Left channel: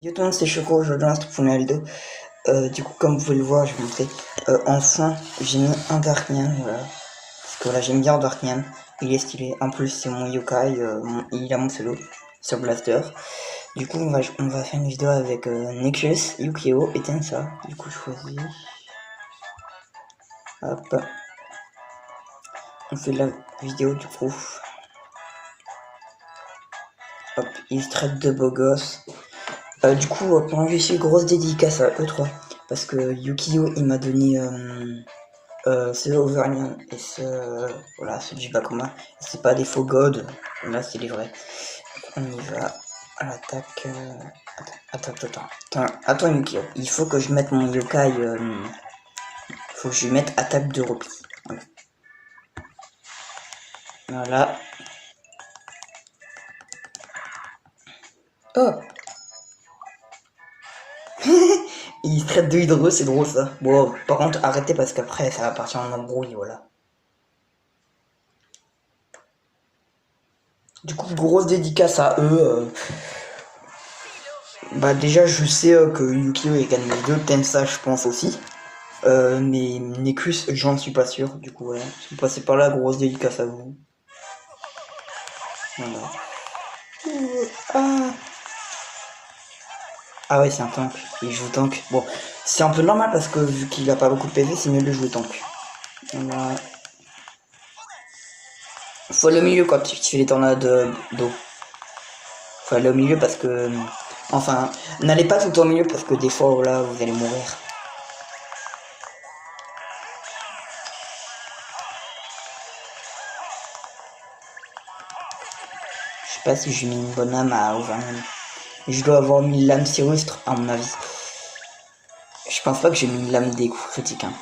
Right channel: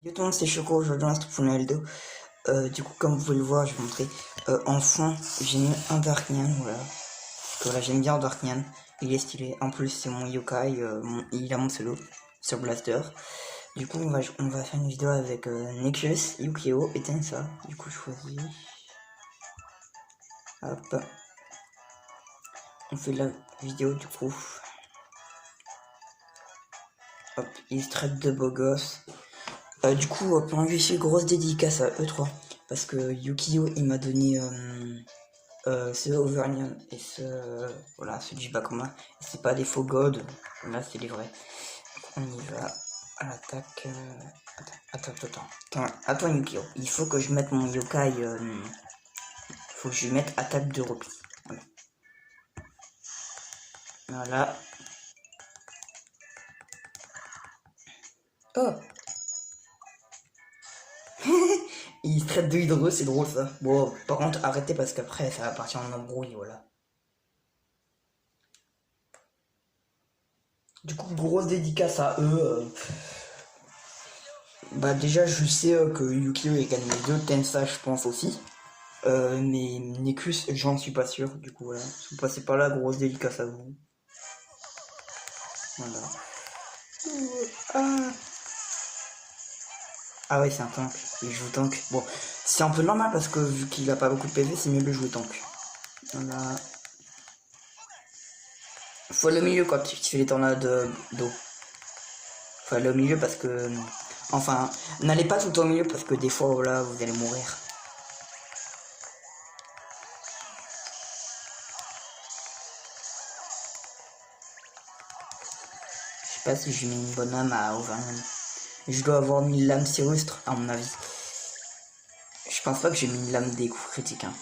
Yo tout le monde, c'est Choco, aujourd'hui on se retrouve pour une vidéo. Du coup, comme vous pouvez le voir, je vais vous montrer. Enfin, j'ai mis un Darknian, voilà. Parce que voilà, j'aime bien Darknian, il est stylé. En plus, c'est mon yokai, il a mon solo sur Blaster. Du coup, on va faire une vidéo avec Nexus, Yukio et Tensa. Du coup, je choisis. Hop. On fait la vidéo du coup. Hop, il se traite de beau gosse. Du coup, pendant que je suis grosse dédicace à eux trois. Parce que Yukio, il m'a donné ce Auvergnat et ce voilà, ce Jibakoma. C'est pas des faux gods, là c'est les vrais. On y va à l'attaque. Attends, Yukio. Il faut que je mette mon yokai. Faut que je mette attaque de repli. Voilà. Oh. Il traite de hydreux, c'est drôle ça. Bon, par contre, arrêtez parce qu'après ça va partir en embrouille, voilà. Du coup, grosse dédicace à eux. Bah déjà, je sais que Yukio est gagne les deux, Tensa je pense aussi. Mais Necus, j'en suis pas sûr, du coup voilà. Si vous passez par là, grosse dédicace à vous. Voilà. Ah. Ah ouais, c'est un tank, il joue tank. Bon, c'est un peu normal parce que vu qu'il a pas beaucoup de PV, c'est mieux de jouer tank. Voilà. Faut aller au milieu quand tu fais les tornades d'eau. Faut aller au milieu parce que... Enfin, n'allez pas tout le temps au milieu parce que des fois, voilà, vous allez mourir. Je sais pas si j'ai mis une bonne âme à Auvergne. Je dois avoir mis l'âme sinistre à mon avis. Je pense pas que j'ai mis l'âme des coups critiques. Hein.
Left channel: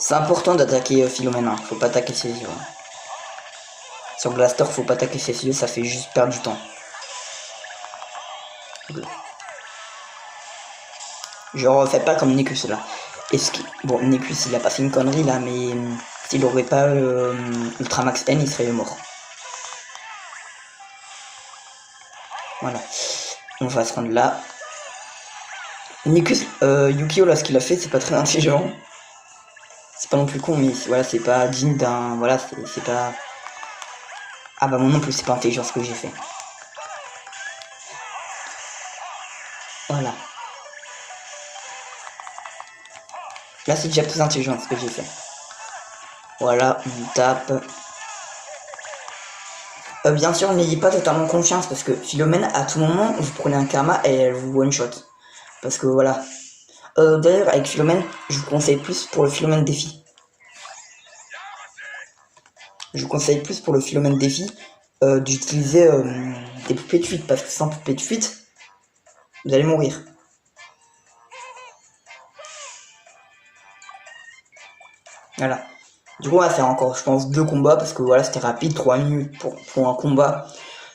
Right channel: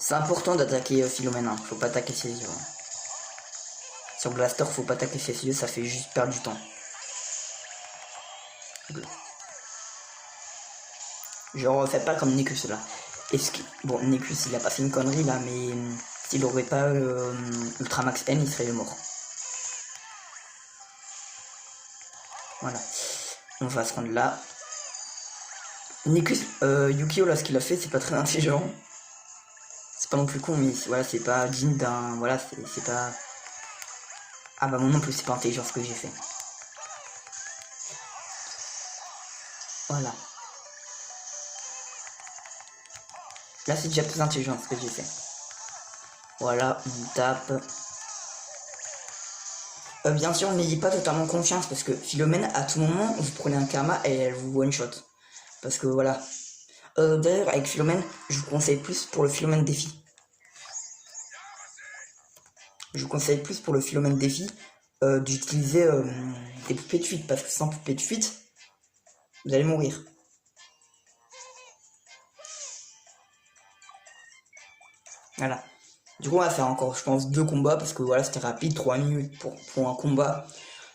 C'est important d'attaquer Philomène, hein. Faut pas attaquer ses yeux. Hein. Sur Blaster, faut pas attaquer ses yeux, ça fait juste perdre du temps. Je refais pas comme Necus là. Bon, Necus il a pas fait une connerie là, mais s'il aurait pas Ultramax N, il serait mort. Voilà. On va se rendre là. Necus, Yukio là, ce qu'il a fait, c'est pas très intelligent. C'est pas non plus con, mais voilà, c'est pas digne d'un. Voilà, c'est pas. Ah bah moi non plus, c'est pas intelligent ce que j'ai fait. Voilà. Là, c'est déjà plus intelligent ce que j'ai fait. Voilà, on tape. Bien sûr, n'ayez pas totalement confiance parce que Philomène, à tout moment, vous prenez un karma et elle vous one shot. Parce que voilà. D'ailleurs, avec Philomène, je vous conseille plus pour le Philomène défi. Je vous conseille plus pour le Philomène défi d'utiliser des poupées de fuite parce que sans poupées de fuite, vous allez mourir. Voilà. Du coup, on va faire encore, je pense, 2 combats parce que voilà, c'était rapide, 3 minutes pour un combat.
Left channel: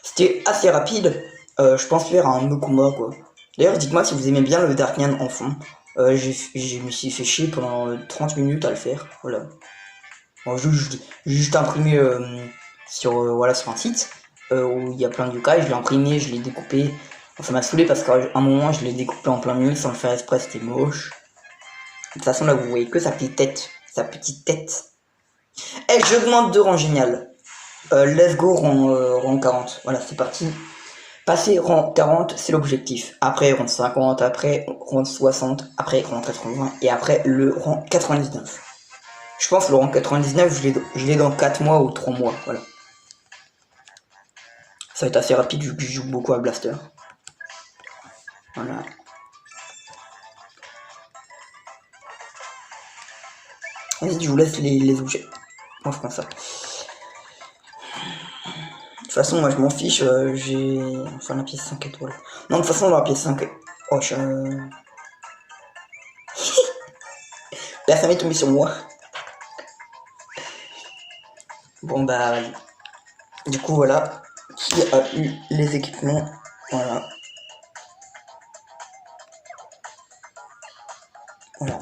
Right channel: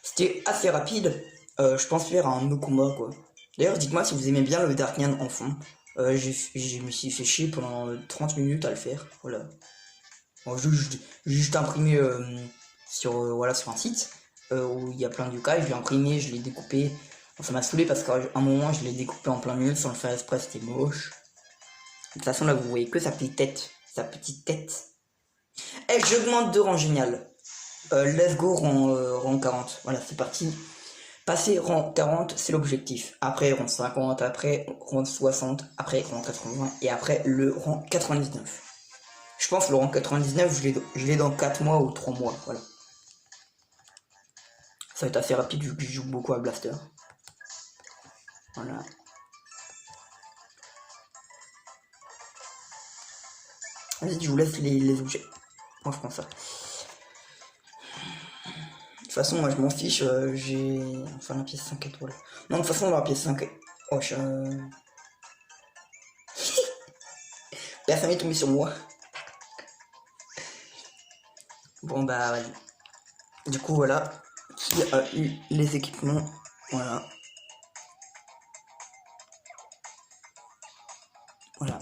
C'était assez rapide. Je pense faire un 2 combats quoi. D'ailleurs, dites-moi si vous aimez bien le Darknian en fond. Je me suis fait chier pendant 30 minutes à le faire. Voilà. Bon, j'ai juste imprimé sur, voilà, sur un site où il y a plein de yokai. Je l'ai imprimé, je l'ai découpé. Bon, ça m'a saoulé parce qu'à un moment, je l'ai découpé en plein milieu sans le faire exprès, c'était moche. De toute façon, là, vous voyez que sa petite tête. Sa petite tête. Eh, je demande 2 rangs génial. Let's go rang 40. Voilà, c'est parti. Passer rang 40, c'est l'objectif. Après rang 50, après rang 60, après rang 80 et après le rang 99. Je pense que le rang 99, je l'ai dans 4 mois ou 3 mois. Voilà. Ça va être assez rapide vu que je joue beaucoup à Blaster. Voilà. Vas-y, je vous laisse les objets. Moi, je prends ça. De toute façon, moi, je m'en fiche. J'ai... Enfin, la pièce 5 étoiles. Non, de toute façon, dans la pièce 5... Oh, Personne n'est tombé sur moi. Bon, bah... Du coup, voilà. Qui a eu les équipements? Voilà. Voilà.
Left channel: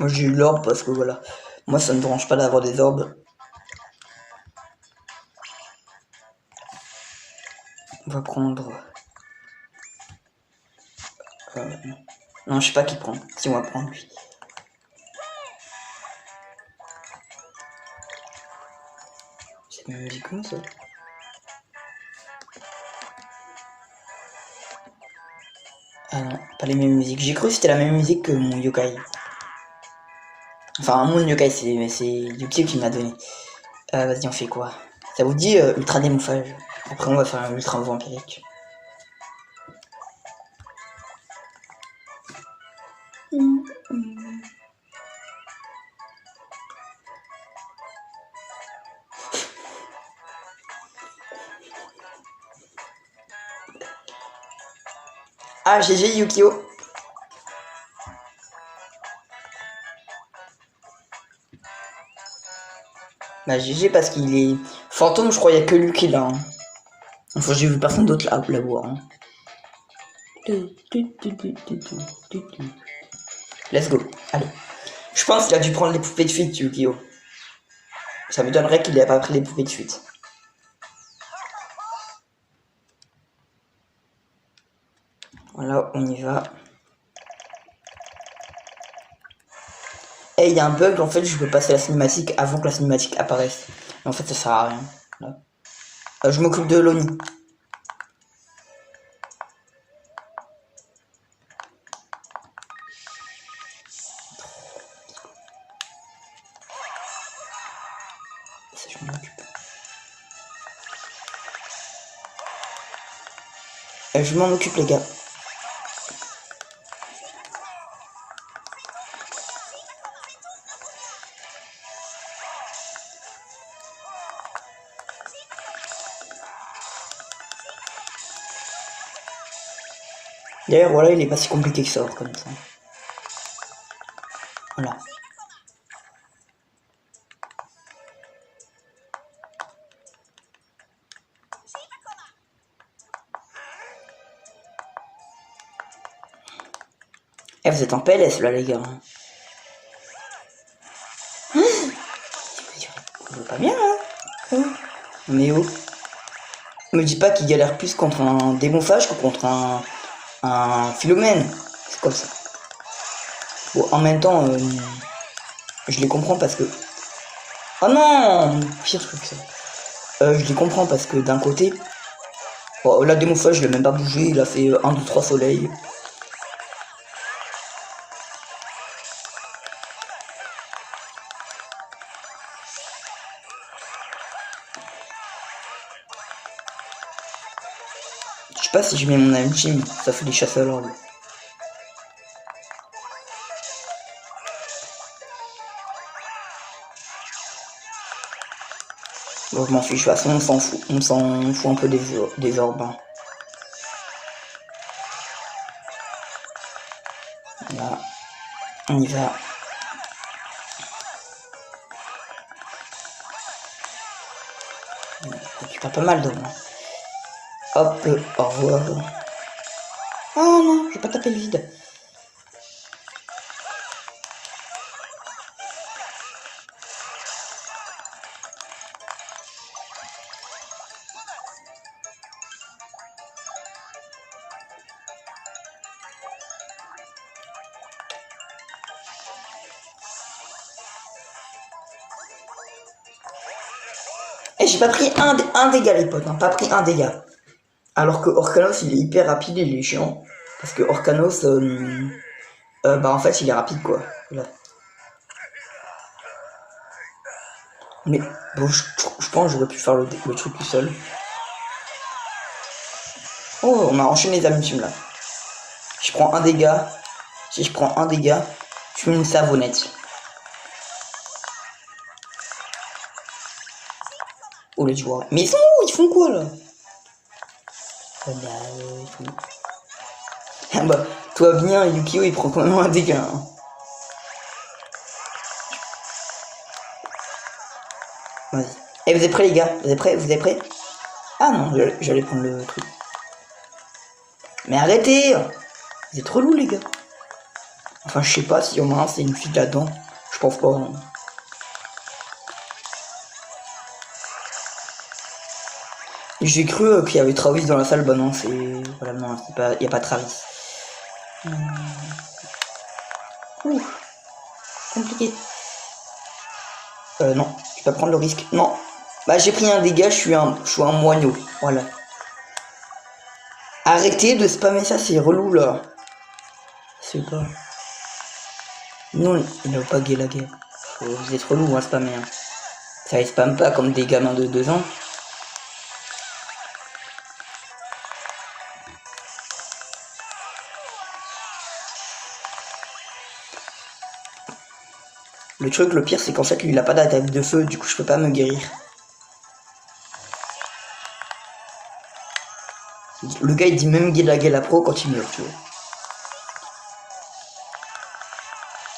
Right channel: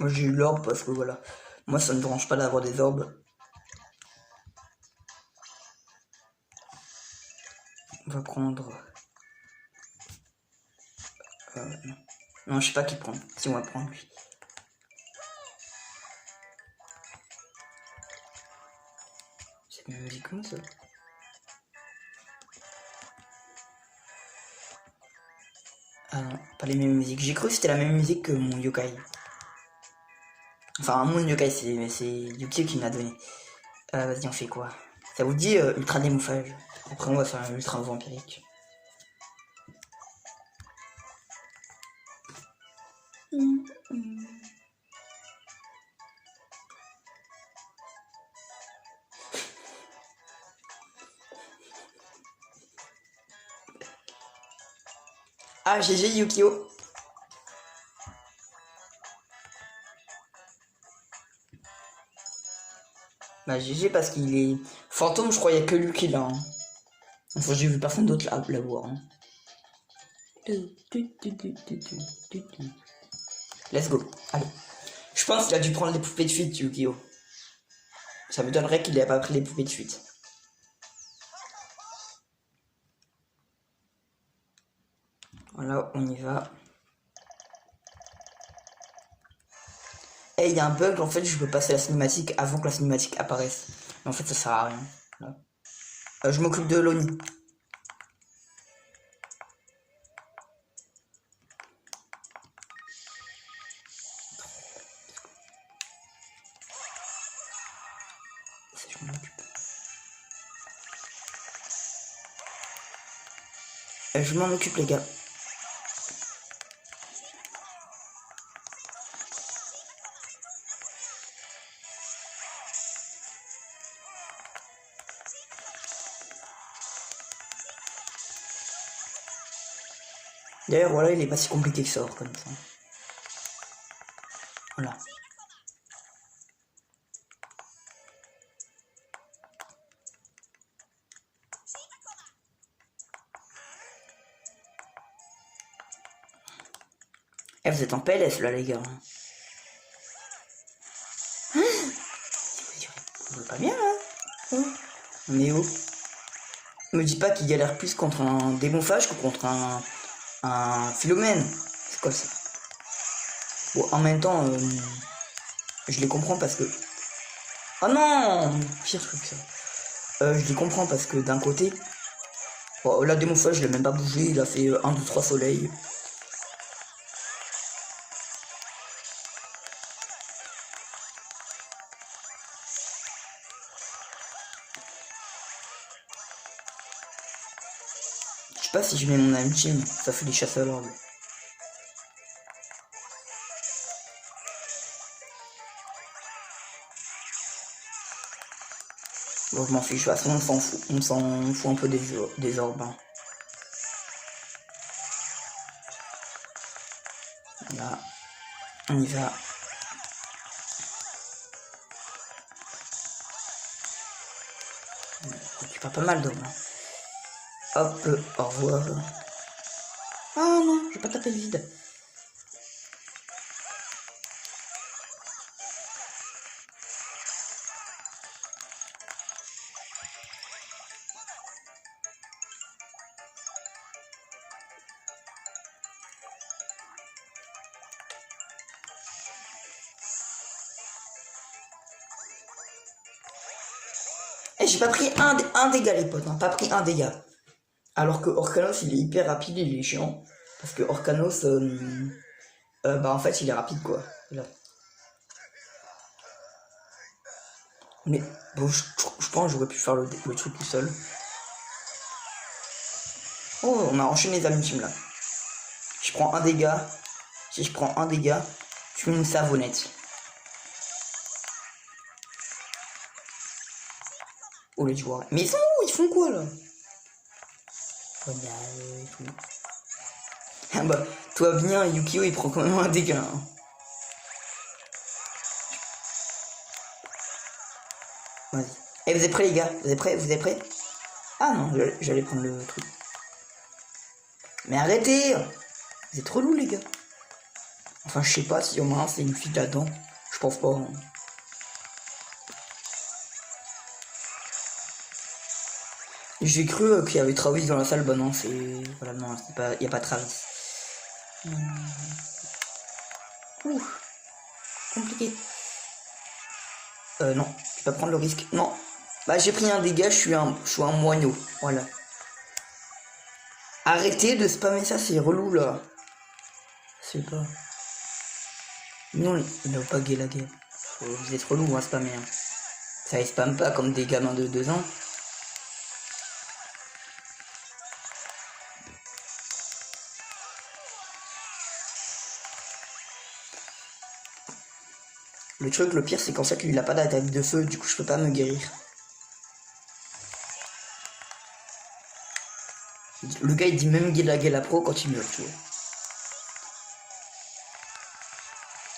Moi, j'ai eu l'orbe parce que, voilà. Moi, ça ne me dérange pas d'avoir des orbes. On va prendre... non, je sais pas qui prend. Si on va prendre lui. C'est une musique comme ça. Ah non, pas les mêmes musiques. J'ai cru que c'était la même musique que mon yokai. Enfin, mon yokai, c'est Yuki qui me l'a donné. Vas-y, on fait quoi? Ça vous dit ultra démouffage? Après, on va faire un ultra vampirique. Ah, GG Yukio. Bah GG parce qu'il est... Fantôme, je crois, il y a que lui qui l'a. Hein. Enfin, j'ai vu personne d'autre la voir. Hein. Let's go. Allez. Je pense qu'il a dû prendre les poupées de fuite, Yukio. Ça me donnerait qu'il n'ait pas pris les poupées de fuite. Voilà, on y va. Et il y a un bug, en fait, je peux passer la cinématique avant que la cinématique apparaisse. Mais en fait, ça sert à rien. Je m'occupe de Loni. Je m'en occupe. Je m'en occupe, les gars. D'ailleurs, voilà, il est pas si compliqué que ça, comme ça. Voilà. Eh, vous êtes en PLS là, les gars. Vous va pas bien là. Mais oh. Me dis pas qu'il galère plus contre un démonphage que contre un philomène. C'est comme ça. Bon, en même temps, je les comprends parce que... Oh non, pire truc ça. Je les comprends parce que d'un côté... Oh, la démonphage, je l'ai même pas bougé. Il a fait 1, 2, 3 soleils. Je sais pas si je mets mon ultime, ça fait des chasses à l'ordre. Bon, je m'en fiche, de toute façon, on s'en fout. On s'en fout un peu des orbes. Hein. Là, on y va. On récupère pas mal d'hommes. Hop, au revoir. Oh non, je vais pas taper le vide. Et j'ai pas pris un dégât les potes, hein, pas pris un dégât. Alors que Orcanos il est hyper rapide et il est chiant. Parce que Orcanos, bah en fait il est rapide quoi. Là. Mais bon, je pense que j'aurais pu faire le truc tout seul. Oh, on a enchaîné les amusements là. Je prends un dégât. Si je prends un dégât, je mets une savonnette. Oh les joueurs. Mais ils sont où? Ils font quoi là? Ah bah, toi bien, Yukio il prend quand même un dégât. Hein. Vas-y. Eh, vous êtes prêts les gars? Vous êtes prêts? Vous êtes prêts? Ah non, j'allais prendre le truc. Mais arrêtez! Vous êtes relous les gars. Enfin, je sais pas si au moins c'est une fille là-dedans. Je pense pas. Hein. J'ai cru qu'il y avait Travis dans la salle, bah non, c'est... Voilà, non, c'est pas... Y a pas Travis. Ouh, compliqué. Non, je vais pas prendre le risque. Non. Bah j'ai pris un dégât, je suis un moineau. Voilà. Arrêtez de spammer ça, c'est relou là. C'est pas... Non, il n'a pas gay la gueule. Vous êtes relou à spammer. Hein. Ça ne spamme pas comme des gamins de 2 ans. Le truc, le pire, c'est qu'en fait, lui, il a pas d'attaque de feu, du coup, je peux pas me guérir. Le gars, il dit même la pro quand il meurt, tu vois.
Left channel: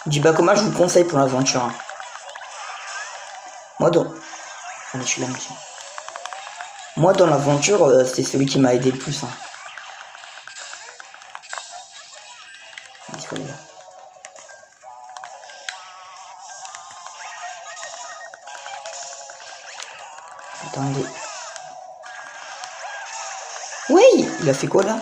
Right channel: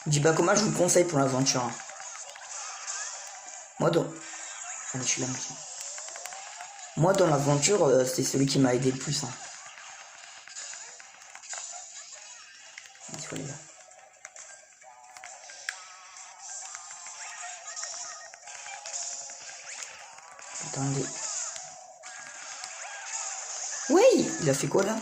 Il dit, bah, comment je vous conseille pour l'aventure. Hein. Moi, dans... Allez, je suis là, monsieur. Moi, dans l'aventure, c'est celui qui m'a aidé le plus. Hein. Attendez. Oui, il a fait quoi là?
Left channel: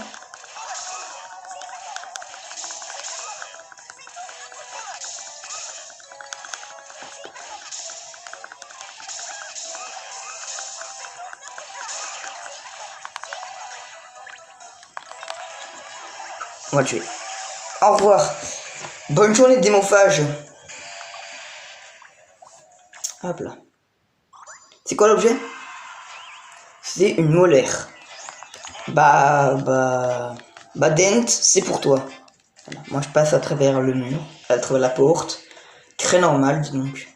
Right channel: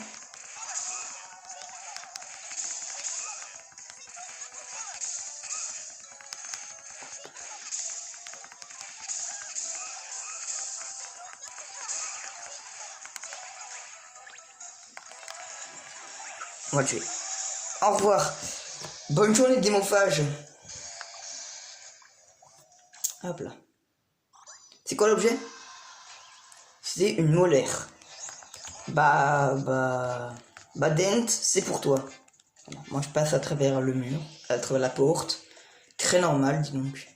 On va le tuer. Au revoir. Bonne journée de démophage. Hop là. C'est quoi l'objet? C'est une molaire. Bah, Dent, c'est pour toi. Voilà. Moi, je passe à travers le mur, à travers la porte. Très normal, dis donc.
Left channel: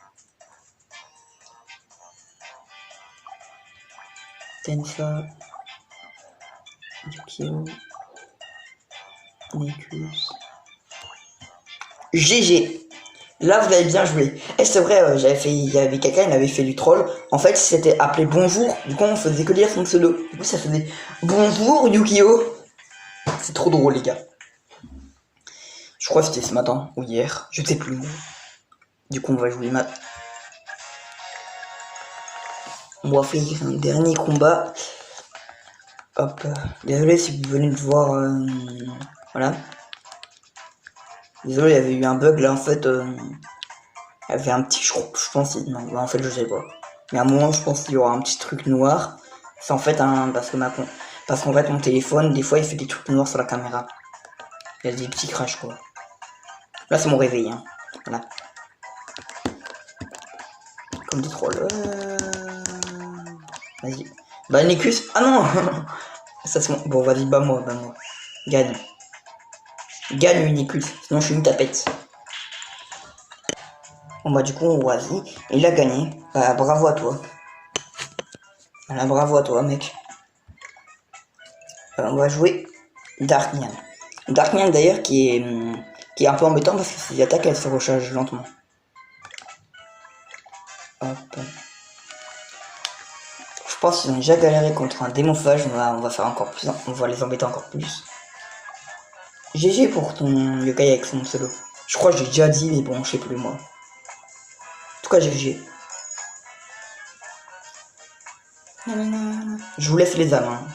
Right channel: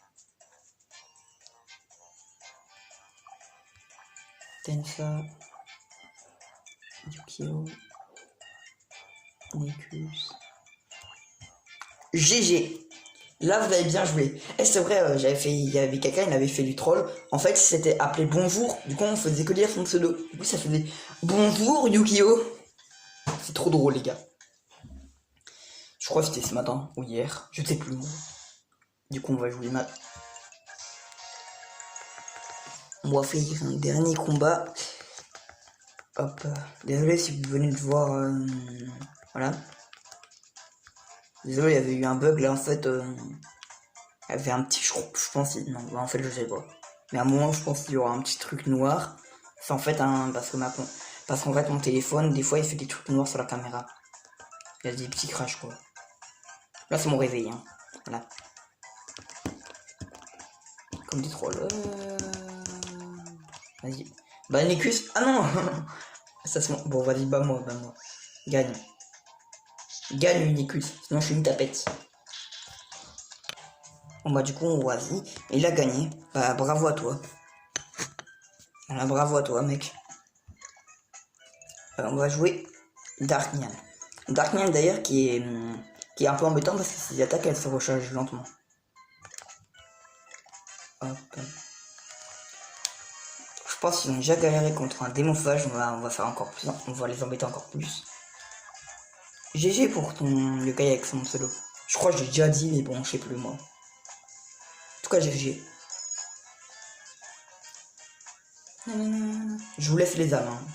Tenfa. Yukio. Nekus. GG. Là, vous avez bien joué. Et c'est vrai, il y avait quelqu'un, il avait fait du troll. En fait, c'était appelé bonjour. Du coup, on faisait que lire son pseudo. Du coup, ça faisait bonjour Yukio. C'est trop drôle, les gars. Je crois que c'était ce matin ou hier. Je sais plus. Du coup, on va jouer maintenant. On va faire un dernier combat. Hop. Désolé si vous venez de voir. Voilà. Désolé, il y avait eu un bug là en fait. Il y avait un petit. Je pense. Non, bah, en fait, je sais pas. Mais à un moment, je pense qu'il y aura un petit truc noir. C'est en fait un. Parce qu'en fait, mon téléphone, des fois, il fait des trucs noirs sur la caméra. Il y a des petits crashs quoi. Là, c'est mon réveil. Hein. Voilà. Comme des trolls. Vas-y. Bah, Nicus. Ah non. Ça, c'est bon. Bon, vas-y, bah moi. Gagne. Gagne Unicus, sinon je suis une tapette. Bon bah du coup vas-y, il a gagné. Bah bravo à toi. Voilà, bravo à toi mec. On va jouer Darknian. Darknian d'ailleurs qui est un peu embêtant parce que ses attaques elles se rechargent lentement. Hop. Je pense qu'ils ont déjà galéré contre un démophage, on va faire encore plus, on va les embêter encore plus. GG pour ton yokai avec son solo. Je crois que j'ai déjà dit, mais bon, je sais plus moi. En tout cas, GG. Je vous laisse les âmes. Hein. De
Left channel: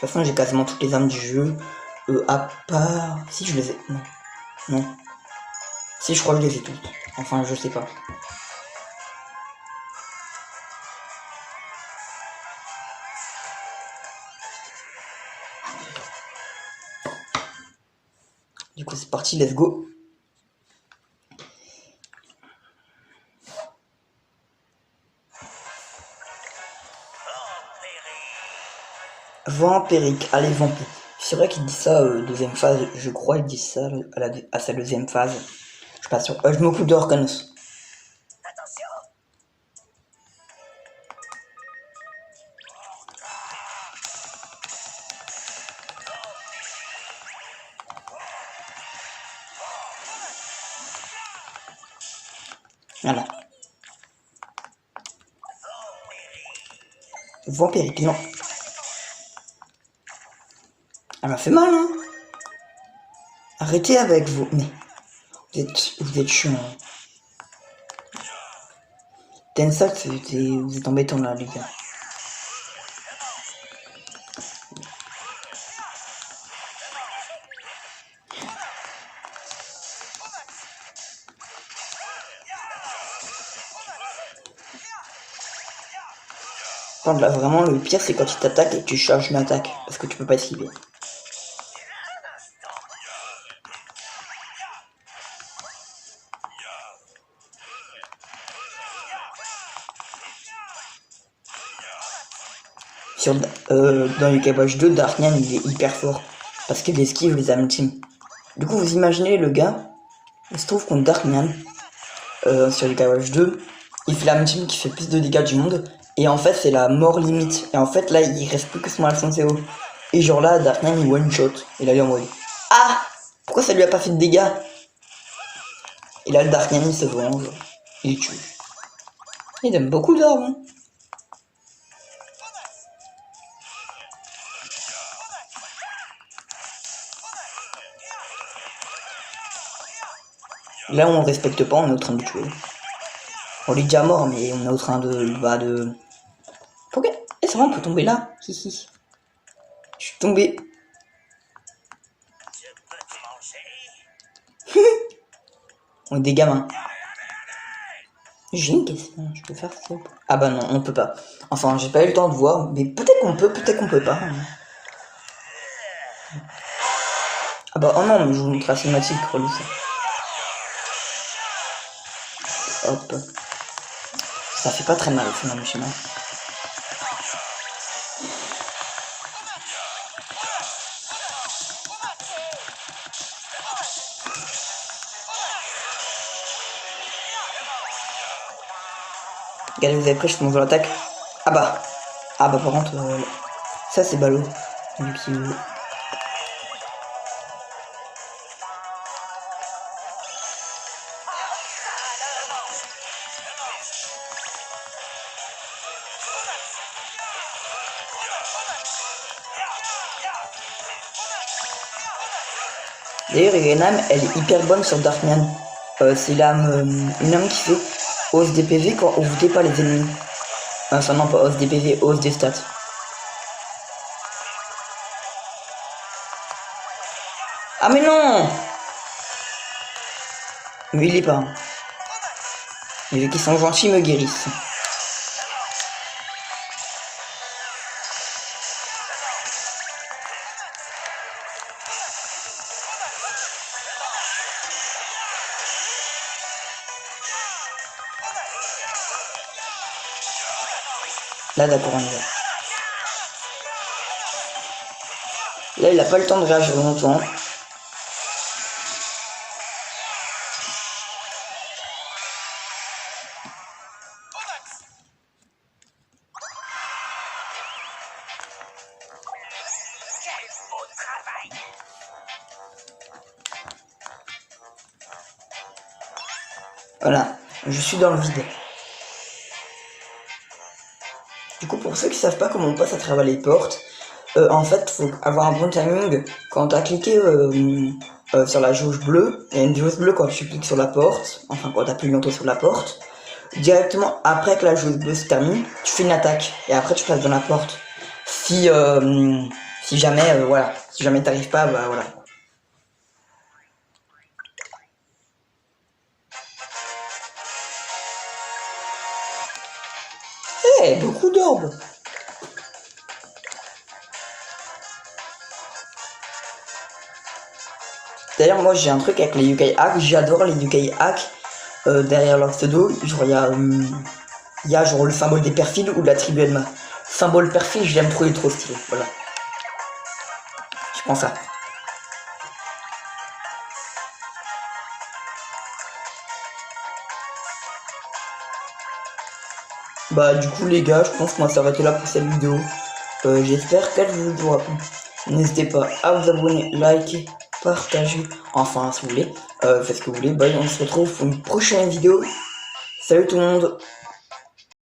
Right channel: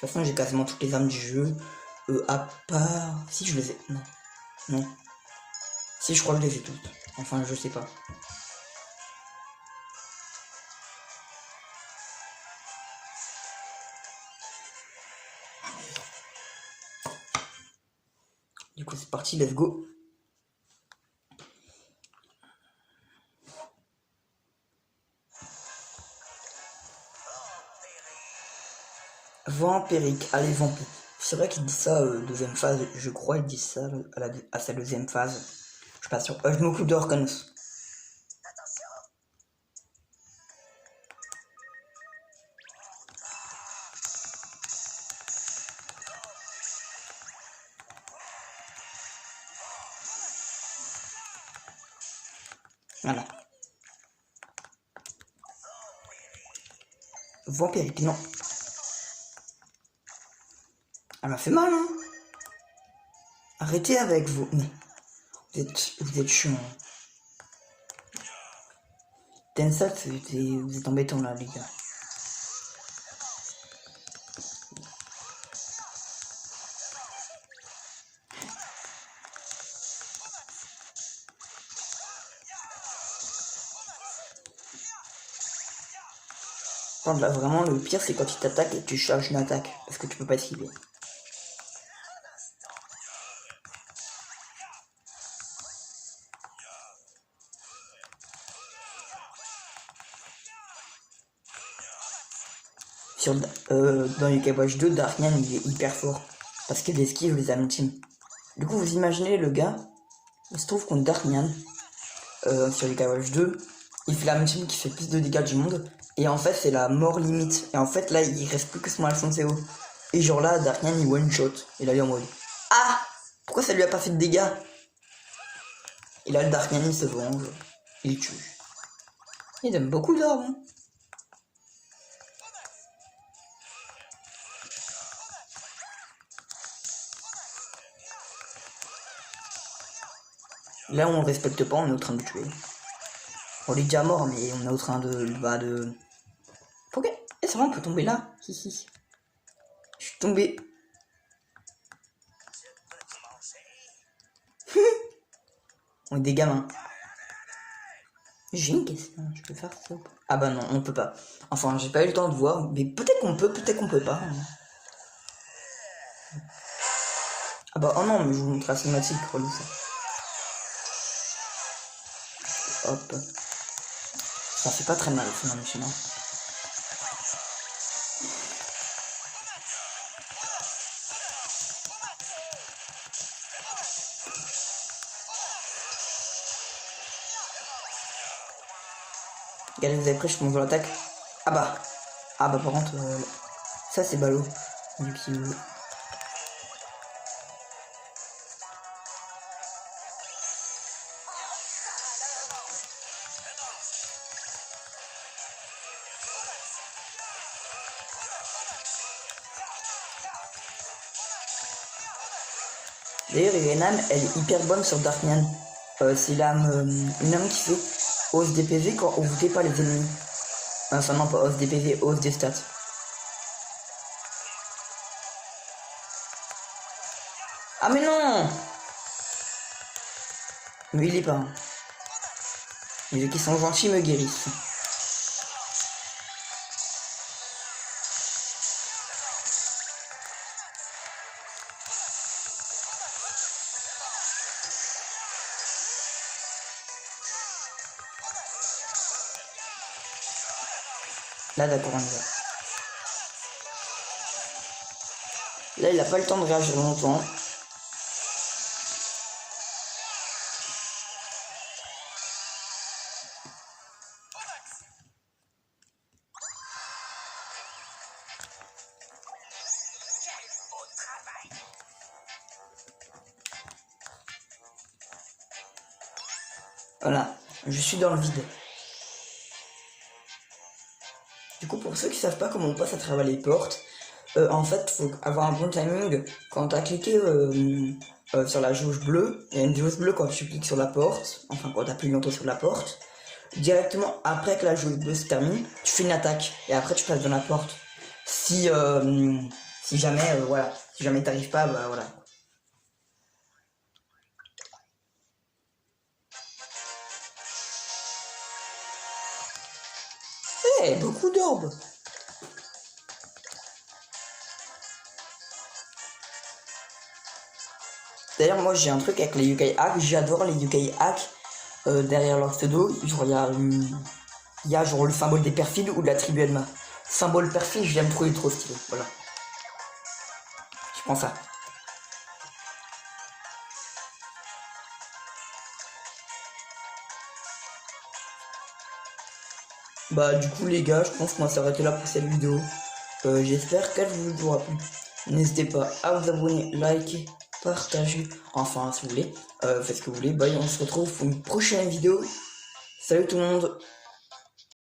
toute façon, j'ai quasiment toutes les âmes du jeu. À part... Si, je les ai... Non. Non. Si, je crois que je les ai toutes. Enfin, je sais pas. Du coup, c'est parti, let's go. Vampirique, allez, vampire. C'est vrai qu'il dit ça deuxième phase, je crois qu'il dit ça à sa deuxième phase. Je suis pas sûr. Je m'occupe de Orcanos. Voilà. Vampirique, non. Elle m'a fait mal, hein. Arrêtez avec vous. Mais vous êtes chiant. Tensa, vous êtes embêtant là, les gars. Quand là vraiment le pire c'est quand il t'attaque et que tu charges une attaque. Parce que tu peux pas esquiver. Dans les Watch 2, Darkman il est hyper fort. Parce qu'il esquive les ultimes. Du coup vous imaginez le gars, il se trouve contre Darkman sur les Watch 2. Il fait la ultime qui fait plus de dégâts du monde. Et en fait c'est la mort limite. Et en fait là il reste plus que son Alphonseo. Et genre là Darkman il one shot. Et là il est en mode ah, pourquoi ça lui a pas fait de dégâts? Et là le Darkman il se venge. Il tue. Il donne beaucoup d'or hein. Là on respecte pas, on est en train de tuer. On est déjà mort mais on est en train de... Pourquoi? Et c'est vrai on peut tomber là. Hihi. Je suis tombé. On est des gamins. J'ai une question, je peux faire ça? Ah bah non, on peut pas. Enfin, j'ai pas eu le temps de voir, mais peut-être qu'on peut pas. Ah bah oh non, mais je vous montre la cinématique, relou ça. Hop. Ça fait pas très mal au final, le schéma. Regardez, vous avez pris, je te montre l'attaque. Ah bah par contre, ça c'est ballot. Vu qu'il... D'ailleurs, Irenam, elle est hyper bonne sur Darkman. C'est l'âme, une âme qui fait hausse des PV quand on vous pas les ennemis. Enfin non, pas hausse des PV, hausse des stats. Ah mais non! Mais il est pas. Les gens qui sont gentils me guérissent. Là d'accord, on y va. Là il a pas le temps de réagir longtemps. Voilà, je suis dans le vide. Du coup, pour ceux qui savent pas comment on passe à travers les portes, en fait, faut avoir un bon timing. Quand tu as cliqué sur la jauge bleue, il y a une jauge bleue quand tu cliques sur la porte, enfin quand tu appuies longtemps sur la porte. Directement après que la jauge bleue se termine, tu fais une attaque et après tu passes dans la porte. Si jamais, voilà, si jamais t'arrives pas, bah voilà. Eh, beaucoup d'orbes. D'ailleurs, moi j'ai un truc avec les UK Hack, j'adore les UK Hack. Derrière leur pseudo, genre il y a genre le symbole des perfides ou de la tribu Elma. Symbole perfide, je l'aime trop, il est trop stylé, voilà. Je pense ça. Bah du coup les gars, je pense qu'on va s'arrêter là pour cette vidéo. J'espère qu'elle vous aura plu. N'hésitez pas à vous abonner, liker, partager, enfin si vous voulez, faites ce que vous voulez. Bah on se retrouve pour une prochaine vidéo. Salut tout le monde.